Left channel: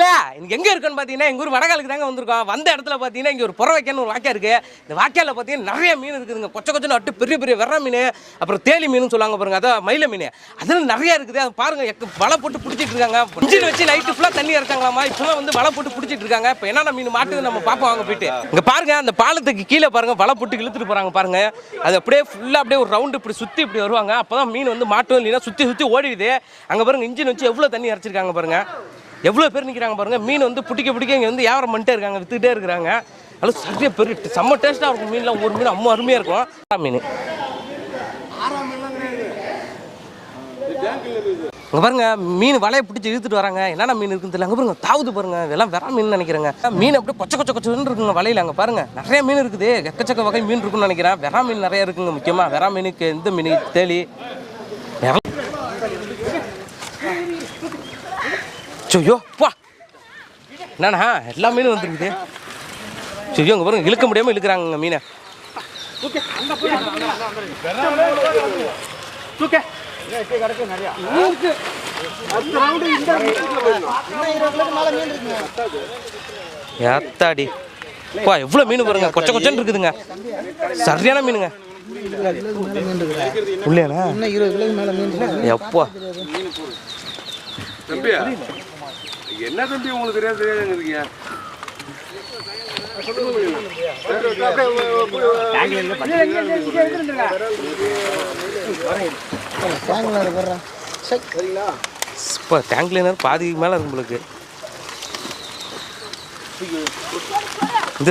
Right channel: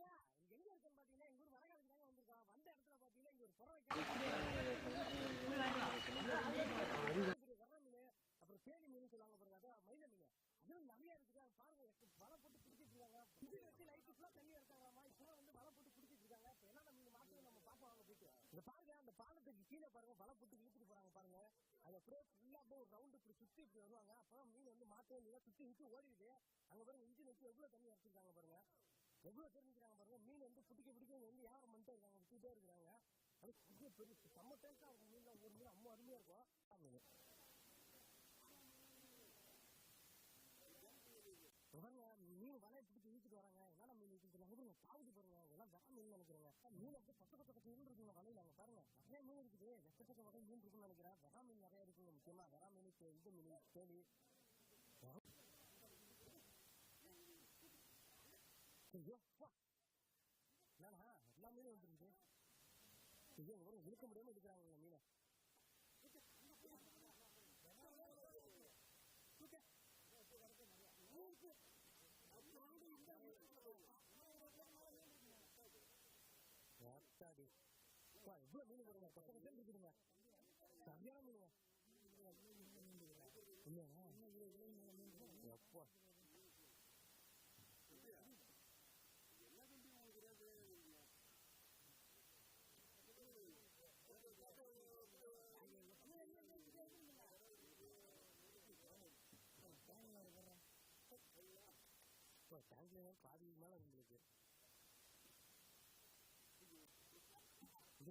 நண்பர்களே இன்னைக்கு எங்கே இருக்குன்னு பார்த்தீங்கன்னா எங்கள் ஊர் வடகாலுக்கு தாங்க வந்திருக்கோம். வந்த இடத்துல பார்த்தீங்கன்னா இங்கே ஒரு புறவைக்கன்னு ஒரு வாக்கியா இருக்குது இந்த வாக்கியாவில் பார்த்தீங்கன்னா நிறைய மீன் இருக்குதுங்க. கொச்ச கொச்சன்னு அட்டு பெரிய பெரிய வெற மீன் அப்புறம் தேலி மீன் சொல்லுவாங்க பாருங்க. அதான் மயில மீன். அதில் நிறைய இருக்குது. அது பாருங்க எக்க- வலை போட்டு பிடிச்சிட்டு இருக்காங்க. இன்ஜின் வச்சு நைட்டு ஃபுல்லாக தண்ணி இறக்காங்களாமா இப்போலாம் வந்து வலை போட்டு பிடிச்சிட்டு இருக்காங்க. இப்போ என்னென்ன மீன் மாட்டுது நம்ம பார்ப்போம் வாங்க போயிட்டு. இங்கே பாருங்க அந்த பாலத்துக்கு கீழே பாருங்க வலை போட்டு இழுத்துட்டு போகிறாங்க பாருங்க. அது அப்படியே ஃபுல்லாக அப்படியே ஒரு ரவுண்டு இப்படி சுற்றி இப்படி வருவாங்க. அப்போ தான் மீன் வந்து மாட்டும் இல்லைன்னா சுற்றி சுற்றி ஓடிடுது. அங்கே பாருங்க இன்ஜின் வச்சு எவ்வளோ தண்ணி இறச்சிருக்காங்க பாருங்க. எவ்வளோ பேர் நிற்கிறாங்க பாருங்கள் மீன் வந்து பிடிக்க பிடிக்க இங்கே வந்து வியாபாரம் பண்ணிட்டே இருக்காங்க வித்துக்கிட்டே இருக்கிறாங்க அதில் சரியாக பெரிய செம்ம டேஸ்ட்டாக இருக்கும் மீன்லாம். ஒரு மீன் அம்மா அருமையாக இருக்கும். ஆறாம் மீன். இங்கே பாருங்க மீன் வலையை பிடிச்சி இழுத்துட்டு வராங்க. என்னென்ன மீன் இருக்குன்னு தெரியல. அங்கே பாருங்க தாவுது பாருங்க. இதெல்லாம் வெற மீன் நினைக்கிறேங்க. மீன் அப்படியே கொச்ச கொச்ச கொச்சன்னு இருக்குங்க வலையில். அங்கே பாருங்க நிறைய மீன் இருக்குது. எக்கச்சக்க வகை மீன் இருக்குன்னு நினைக்கிறேன். வெற மீன் நிறைய இருக்குங்க முக்கியமாக வெற மீனுக்கு எந்த மீன் தேலி. ஐயோ பா என்னண்ணா எல்லா மீனும் வந்துருக்குது. ஐயோ இங்கே பாருங்க இழுக்க முடியாமல் இழுக்கிறாங்க மீனை. ஏத்தாடி வா எவ்வளோ மீன் பாருங்க கொச்ச கொச்சன்னு இருக்குதுங்க. சரியான மீனுங்க. உள்ளேண்ணா இன்னும் இருபது மேலே மீன் என்ன தம்பி உங்களுக்கு தெரியாது தெரியாது இருக்கீங்க இருக்கு. இப்போ டேங்க் கிளீனர் பாதிக்கு மேலே இருக்கும் உங்களுக்கு இந்த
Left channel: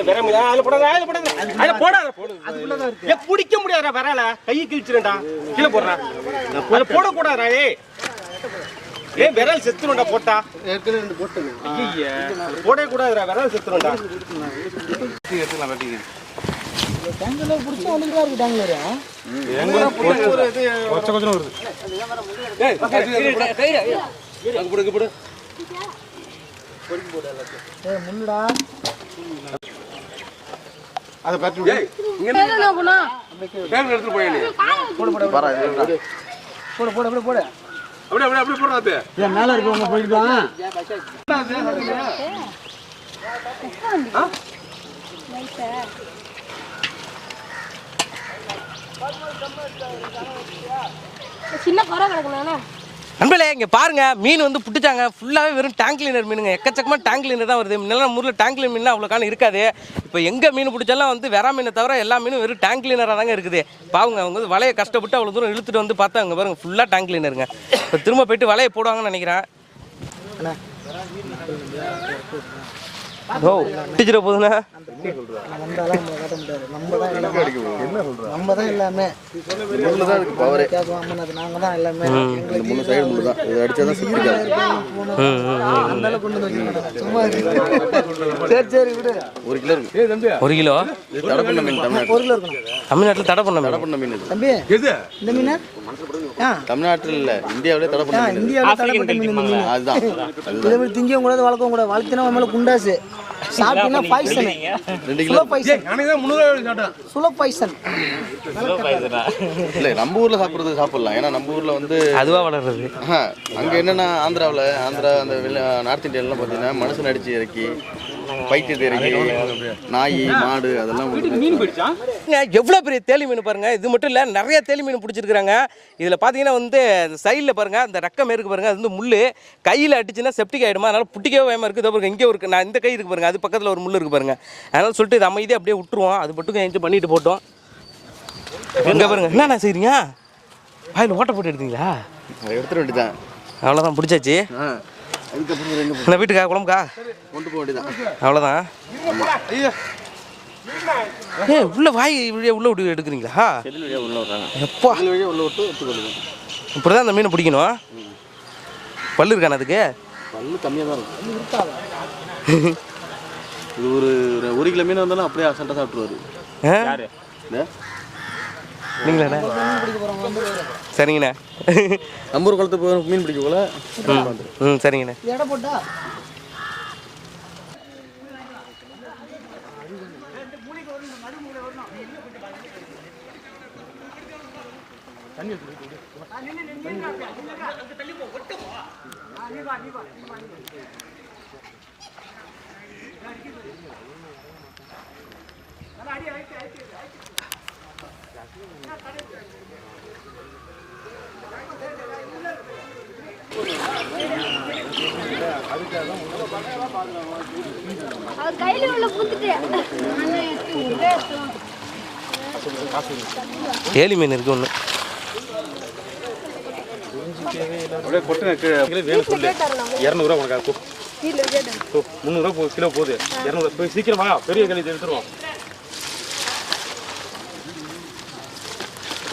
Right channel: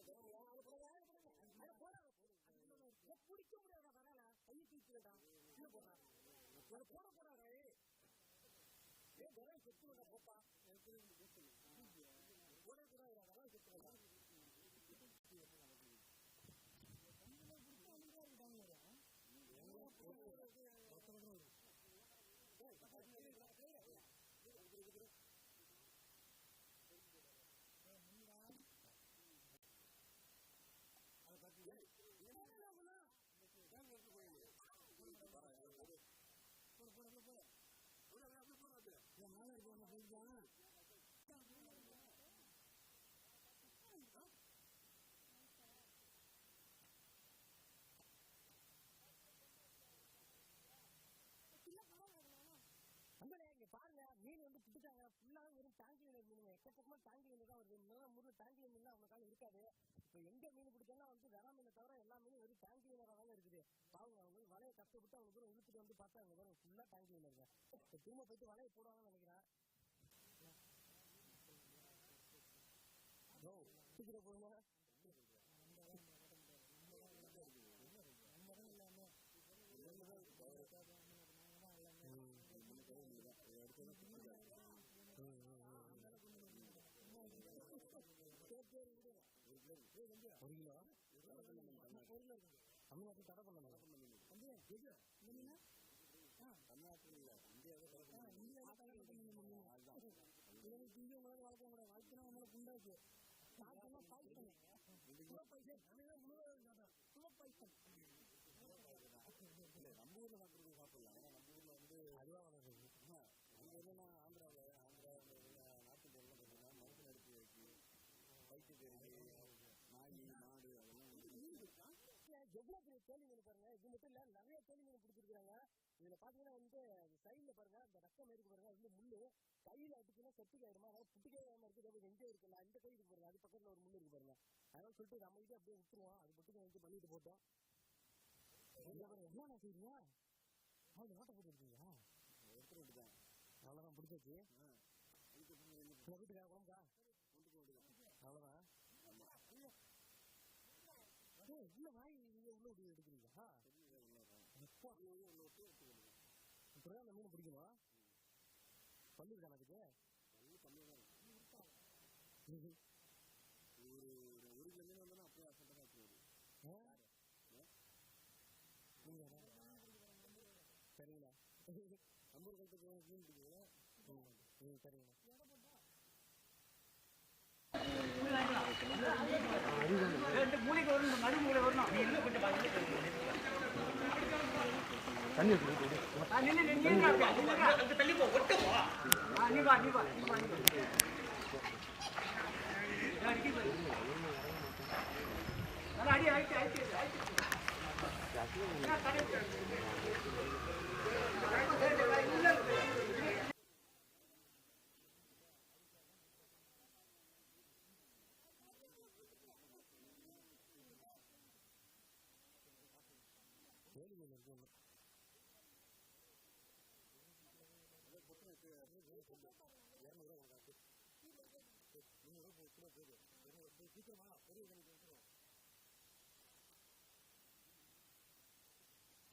side- இது போடாத இதா பிடிக்க முடியாதுடா வரல. கையை கிழிச்சிருண்டா. கீழே போடுறா. போட போடக்கூடாதா ஏ. ஏன் விரல் செத்துருண்டா போட்டா. ஏற்கனவே போடவே கூடாதுடா விரல் செத்துருண்டா. தேங்காய்ல பிடிச்சா இருக்கு போடு, போடு, போடு, அப்படியே போடு. அப்படியே அப்படியே அப்படியே போடுறாத்து ஏன் மேல இருக்கவங்க போயிட்டு சின்ன குறை கிடக்குண்ணா நண்பர்களே இங்கே பாருங்க. மீன் வந்து புட்டுச்சாங்க. ஃபுல்லாகவே வெறும் டேங்க் கிளீனர் மீனுங்க. எக்கச்சக்கமாக டேங்க் கிளீனர் தான் வருது. முன்னெல்லாம் ஊரில் டேங்க் கிளீன் மீன் அவ்வளோ காலம் இருக்காது. இப்போ எங்கே மீன் பிடிச்சாலும் வந்து வெறா மீனை தவிர எல்லா மீனும் வெறும் டேங்க் கிளீனராக தாங்க இருக்குது. பாவங்க அவங்க வந்து வலையை கஷ்டப்பட்டு அவ்வளோ தூரம் இழுத்துட்டு வந்து பார்த்தா அங்கே பாருங்க ஃபுல்லாக டேங்க் கிளீனருங்க இப்போ திரும்ப போயிட்டு வலையை போடுவாங்கன்னு நினைக்கிறேன். ஓ பிடிச்சிட நம்ம தான் எல்லாமே தான் அது நாங்க தான். எல்லாமே எங்களுக்கு மூணு சைடு முள்ளு தான் இது அடிச்சா கொண்டு வந்து. சும்மா. சரி சரி விடு ஒரு கிலோ இருக்கு. ஒரு கிலோ? இது தடை பண்ண மீன் தமிழ்நாடு ஒரு கிலோ இருக்கும் தமிழ்நாட்டில் தடை பண்ண தடை மீன் பண்ண மீன் தம்பி எது? இந்த மீன்? தமிழ்நாட்டில் இல்ல இந்தியாவிலே தடை பண்ண. இந்தியாவில் மீன் அதுதான். இதை விட திங்கவும் கூடாது வளர்க்கவும் கூடாது. வளர்த்தினா மேல குண்டாசு. சாப்பிட்டீங்கன்னா பாய்சன். ரெண்டு கிலோ. பாய்சன். Slow poison. இல்ல நம்ம ஊர்ல சாப்பிடுறது சாப்பிடலாம். ஏன்னா நம்ம ஊர்ல வந்து அதுவாக வளர்றது? அங்க என்னன்னா ஆந்திராவுல ஆந்திரா அந்த நார்த் இந்தியாலாம் பாத்தீங்கன்னா மனுஷன் அடிச்சு இறக்கி பைத்தியத்தை இறக்கி நாய் மாடு அதெல்லாம் மீன் போயிடுச்சா எவ்வளோ பெரிய தேலி மீன் பாருங்க. இது மட்டும் இல்லை நிறைய தேலி மீன் பிடிச்சிருக்காங்க இதில் பார்த்தீங்கன்னா வந்து சைடில் பாருங்க அந்த ரக்கம் இருக்கு பாருங்க அது வந்து முள் கையில் அடிச்சுன்னா செப்டிக் ஆகிடுமா அதனால புட்டிக்கவே பயமா இருக்குது. பாருங்க இங்கே இருக்கு நான் இந்த கை இருக்கு பாருங்க அது பக்கத்தில் ஒரு முள் இருக்கு பாருங்க. அதனால சொல்லிட்டு இது அமைதியாக அப்படியே விட்டுருவோம். அது மட்டும் எஞ்சி பண்ணிட்டு போட்டோம். இங்கே பாருங்க என்னண்ணா செய்றீங்க? வாயில் ஓட்ட போட்டு எடுத்தீங்களா? எடுத்துட வேண்டியதான் அவ்வளோதான் பிடிச்சாச்சு அதுக்கப்புறம் இந்த வீட்டுக்கா குழம்புக்கா? கொண்டு போக வேண்டியதான் அவ்வளோதான் ஏ உள்ள வாய் இப்படியே உள்ள விட்டு எடுக்கிறீங்களா? வழியாக உள்ள வர்றாங்க எப்பா. வழியாக உள்ள விட்டு எடுத்துக்கொள்ளுங்க இப்படி தான் அந்த மீனை பிடிக்கணும். பல்லு இருக்கானே அதுக்கு? பல்லு கம்மியாக தான் இருக்கும். இது ஒரு ஒரு- கிலோ மீன் வந்தாலும் அப்படியே அசல்ட்டாக சாப்பிட்ருவாரு? யாரு? நீங்களாண்ணே சரிங்கண்ணே. நம்பூர் குளத்து போய் மீன் பிடிக்க போல. ம். சரிங்கண்ணே. எடை போட்டா? அவர் கையில உள்ள புத்துட்டு. தேலி மீன் இருக்கு ஒன்று அப்படியே கொட்டு கீழே வேணும் சொல்லு. இரநூறுவா உனக்கு முந்நூறுவா போ கிலோ போகுது. இரநூறு போய் சீக்கிரம் வா பெரிய கழிச்சு எடுத்துருவோம்.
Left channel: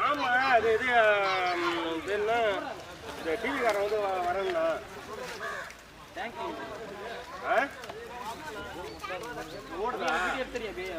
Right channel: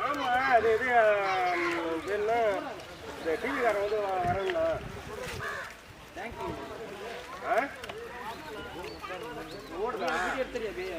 ஆமா அது இது என்ன இந்த டிவிக்காரன் வந்து வரேன்னா ஆ ஓடுதா எடுத்துறியா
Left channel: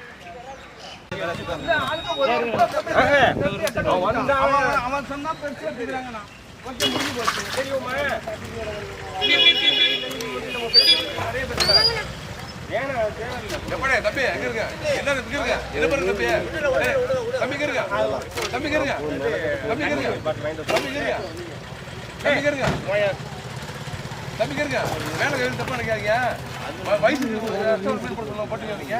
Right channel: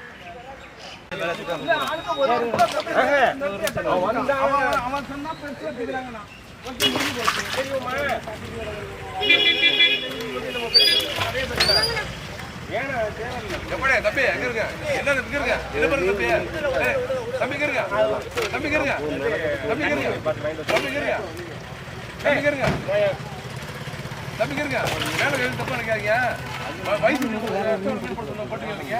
எப்படே தம்பி எங்க இருக்க? என்ன இங்க இருக்க? என்ன பண்ணு தம்பி? ஏய், இருக்க? தம்பி இருக்க? தம்பி இருக்க? தம்பி இருக்க? இருக்க? இருக்க? மேல தப்பா நினைக்காதீங்க. வயசு போட்டுக்கிறீங்க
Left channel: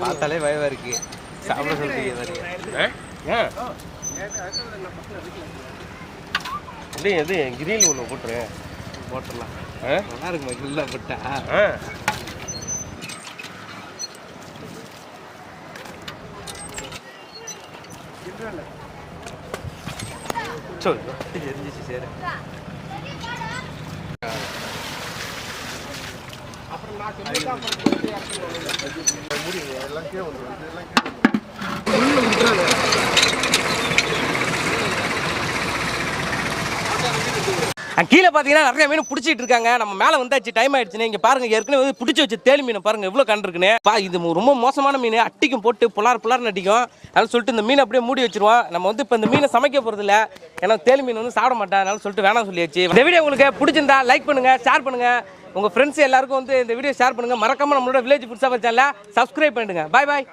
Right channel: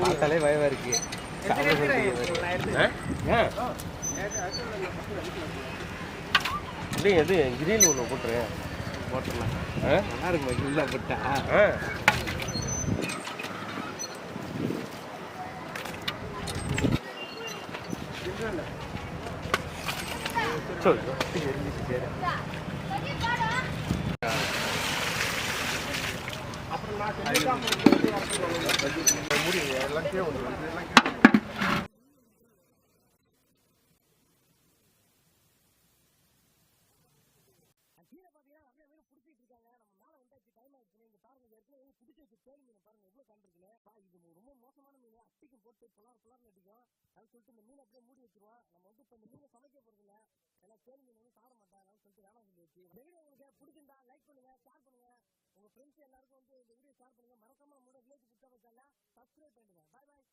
பார்த்தாலே பயமா இருக்கு சாப்பிட இல்லை எது கிரில் ஒன்று போட்டுருங்க போட்டுடலாம் நல்லா இருக்குமா உள்ள போட்டா ஆ சொல்லு எரிஞ்சிச்சு சரி அங்க கீழே கீழே பார்த்தீங்கன்னா நிறைய மீன் பிடிச்சிட்டு இருக்காங்க. நம்ம மேலே வந்தாச்சு டைம் ஆயிடுச்சுன்னு. இங்கே பாருங்க ஏற்கனவே வந்து பிடிச்சி வச்சு தேலி மீன் பாருங்க எவ்வளோ கண்டு இருக்குன்னு. பா இது ரொம்ப மோசமான மீன். அட்டிக்கும் போட்டு புலார் புலார் அடிக்கும். அதனால சொல்லிட்டு இந்த மீனை அப்படியே மூடி வச்சிருவோம். நம்ம வந்து இப்போ இந்த மீனை சமைக்க போகிறது இல்லை. ஏன்னா தேலி மீன் வந்து சாப்பிட மாட்டேன். அதனால சொல்லிட்டு வேணாம் சொல்லியாச்சு. இந்த வீடியோ உங்களுக்கு பிடிச்சிருந்தா லைக் பண்ணுங்க ஷேர் பண்ணுங்க. உங்க ஃப்ரெண்ட்ஸ் எல்லாருக்கும் வந்து இந்த வீடியோ ஷேர் பண்ணுங்க. மறக்காம நம்மளோட வில்லேஜ் புதுசாக சாப்பிட்ற சேனலை சப்ஸ்கிரைப் பண்ணிடுங்க. பாய் பாய்